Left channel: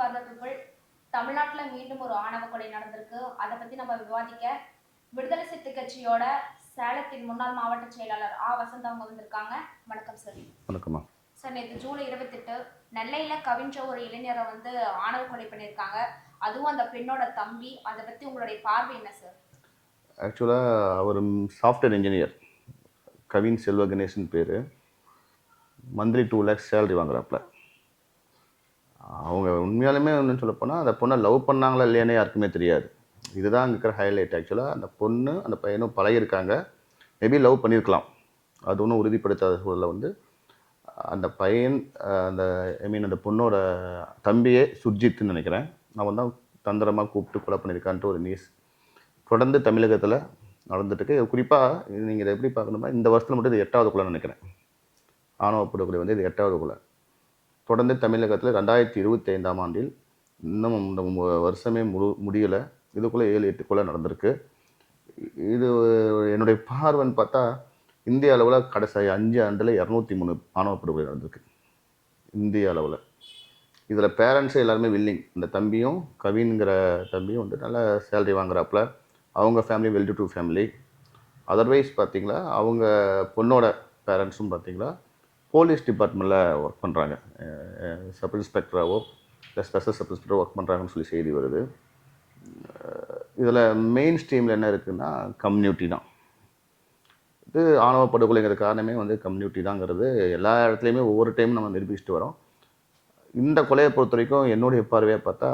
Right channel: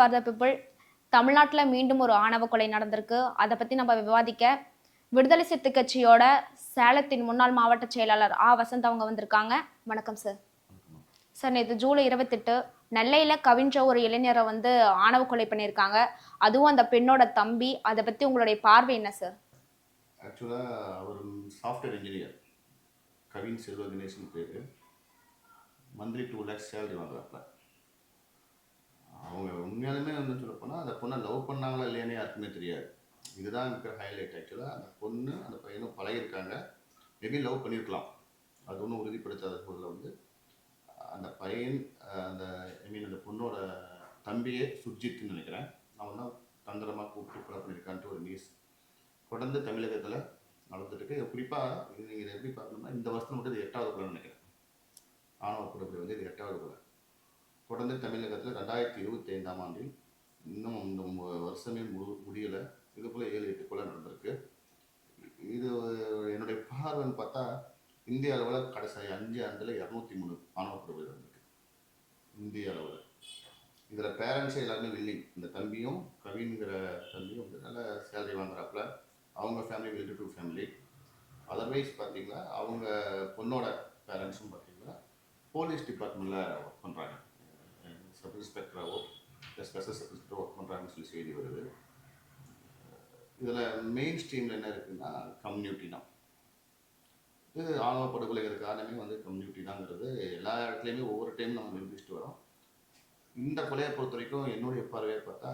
For the people. தமிழ்நாட்டுல மீண்டும் ஒரு ஆணவ கொலை நடந்திருக்கு. அத பத்தி நம்ம விவாதிக்க, விடுதலை சிறுத்தை கட்சியோட சேலத்தின் முன்னாள் மாவட்ட செயலாளர் வசந்த் அவங்க வந்திருக்காங்க. வணக்கம் சார். வணக்கம்மா. சார், நேத்து ஜூலை 28 நெல்லையில கவின்ற ஒரு இளைஞரை வந்து ஆணவ கொலை பண்ணியிருக்காங்க. அதுவும் அந்த பெண்ணோட தம்பி. அத பத்தி உங்களுடைய பார்வை என்ன சார்? ஆக்சுவலா அவர் சாஃப்ட்வேர் இன்ஜினியர். கவின் செல்வ கணேசன் பேரு. மந்த்லி 2 lakhs சேலரி வாங்குறாப்புல. அவங்க உண்மையாலுமே ஒன்றும் சொல்லப்போனால் அந்த பொண்ணை லவ் பண்ணாங்களா இல்லையானே யாருக்குமே தெரியாது. இதுதான் அங்கே இருக்கிற ஹைலைட். ஆக்சுவலாக அந்த பொண்ணு அந்த பையனும் பழகிருக்காங்க. மேபி லவ் பண்ணியிருக்கலாம். அது ஒன்றும் உறுதிப்படுத்தாத சூழலில் வந்து அந்த பையன் அந்த அந்த பொண்ணோட தம்பியே சுர்ஜித்னு நினைக்கிறேன், அவன் தான் தந்திரமாக கூப்பிட்டு கொலை பண்ணியிருக்கான்ட்டு ஒரு நியூஸ் தொடர்ந்து தமிழகத்தில் நடந்துட்டுருக்கு. குறிப்பாக நீங்கள் இதை எப்படி பார்க்கணும்னா, இந்த வருஷத்தில் மட்டும் இது 8வது கொலை நினைக்கிறேன். ஆணவ படுகொலை வந்து இது 8வது கொலை. தொடர்ந்து தமிழகத்தில் 2025ஆம் ஆண்டில் இன்னும் இந்த வருஷமே முடியலை, இதுக்குள்ளே 7-8 கொலை நடந்திருக்கு. இது என்னுடைய பார்வைன்னு பார்த்தா இந்திய அளவில் கடைசி 5 ஆண்டில் 203 ஆணவ படுகொலை நடந்திருக்கு இந்திய அளவில். இதில் பேரண்ட்ஸு எல்லாருமே வில்லிங். இந்த தம்பியும் கவின்கிற தம்பியும் வந்து நல்ல சேலரி வாங்குறாப்புல. அவங்க family well to do family. Otherwise பார்த்தீங்களா, அவங்க பொண்ணோட பேரண்ட்ஸும் பார்த்தீங்களா போலீஸ் டிபார்ட்மெண்ட்டில் ஒர்க் பண்ணுறாங்க. சப் இன்ஸ்பெக்டராகவோ இல்லை ஸ்பெஷல் சப் இன்ஸ்பெக்டரோ ஒர்க் பண்ணுறாங்கன்னு சொல்லி செய்தி வருது. இதில் மெயின் ஸ்ட்ரீமில் என்ன இருக்குதுன்னா கம்யூனிட்டி தான். இது ஆணவ படுகொலைங்கிற காரணமே வந்து கம்யூனிட்டி தாங்கிறது எல்லா இடத்துலையுமே ஒவ்வொரு டைமும் நம்ம நிரூபிச்சுட்டு வரோம். இந்த கொலையை பொறுத்த வரைக்கும் என்னுடைய பார்வையாக பார்த்தா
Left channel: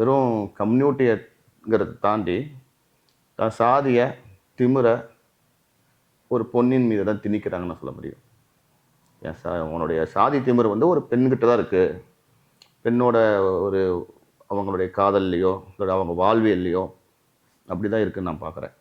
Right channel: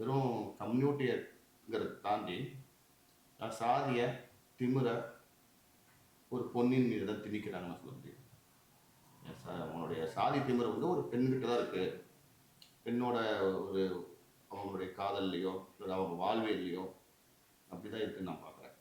வெறும் கம்யூனிட்டிங்கிறத தாண்டி தான் சாதிய திமிரை ஒரு பொண்ணின் மீது தான் திணிக்கிறாங்கன்னு சொல்ல முடியும். உன்னுடைய சாதி திமிர் வந்து ஒரு பெண்கிட்ட தான் இருக்குது. பெண்ணோட ஒரு அவங்களுடைய காதல்லையோ இல்லை அவங்க வாழ்வியல்லையோ அப்படி தான் இருக்குதுன்னு நான் பார்க்குறேன்.